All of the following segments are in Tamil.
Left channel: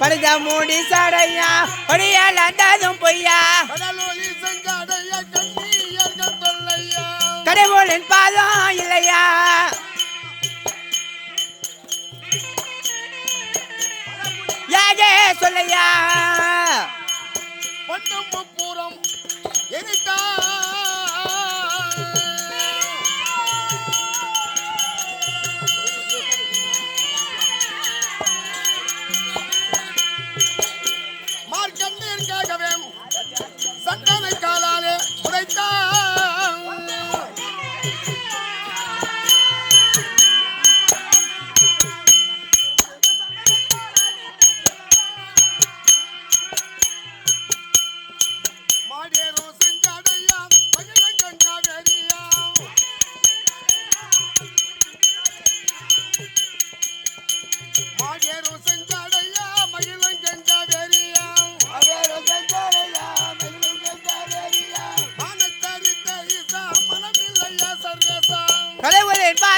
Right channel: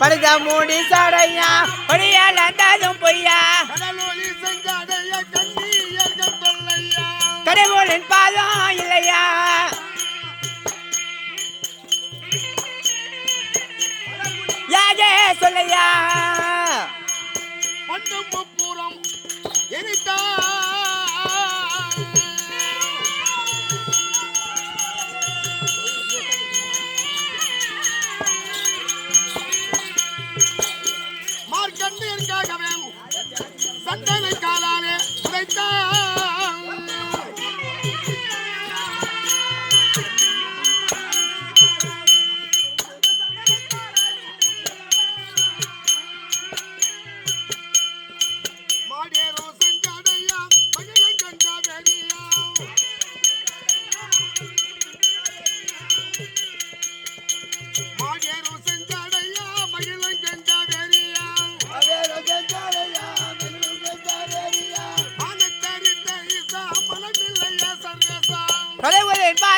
படுத மூடி சடையா படியால் அந்தாதும் பொய்யா? கடவுளின் பாதம் இல்லையா? யாரே சொல்லையா? மட்டும் முப்புறம் எரித்தா மார்க்கண்டிற்காகவே சட்டனை காலாலே உடைத்தான்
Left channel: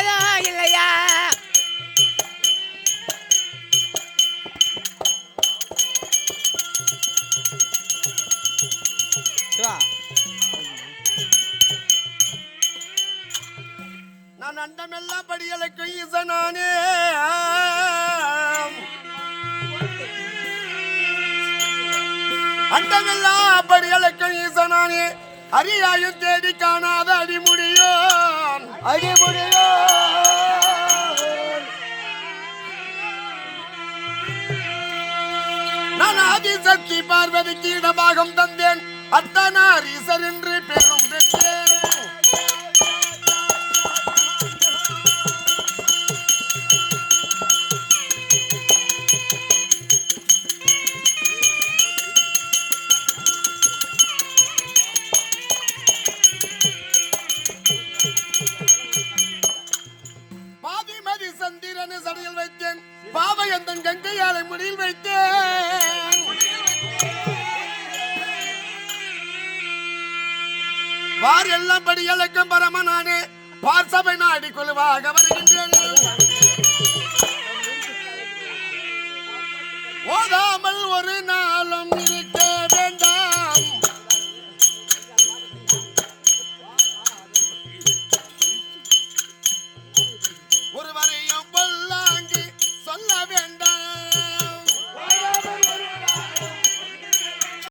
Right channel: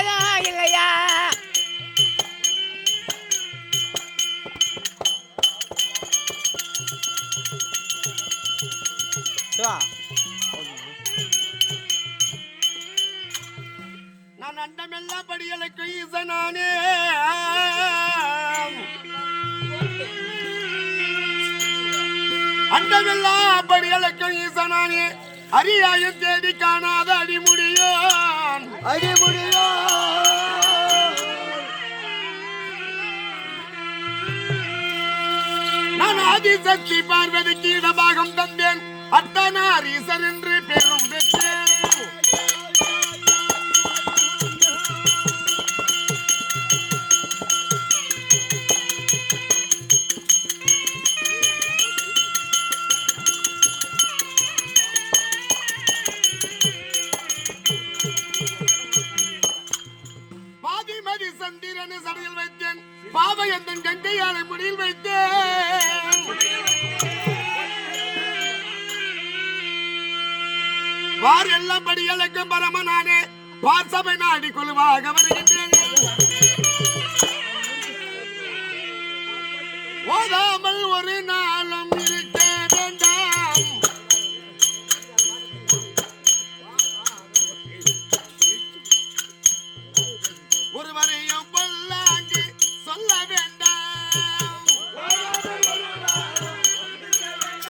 பாதம் இல்லையா? நான் அண்டமெல்லாம் படியலுக்கு ஈசனானே. அண்டமெல்லாம் படியலுக்கு ஈசனானே. அரியாயும் தேடி காணாத அடிமுடியோ அடிமுடியோ ஆதிசக்தி பார்வதிக்கு இடமாகம் தந்தேன். அத்தனாரீசர் என்று பெரும் பெற்றேன் பாதிமதி சந்திரனை சடையில் வைத்தேன். பாவை அந்த கங்கையாலை முடியில் வைத்தேன். வார் எல்லாம் படிகளுக்கு பரம நானே பார்சபை நாடி குழுவாக வருகின்றேன்.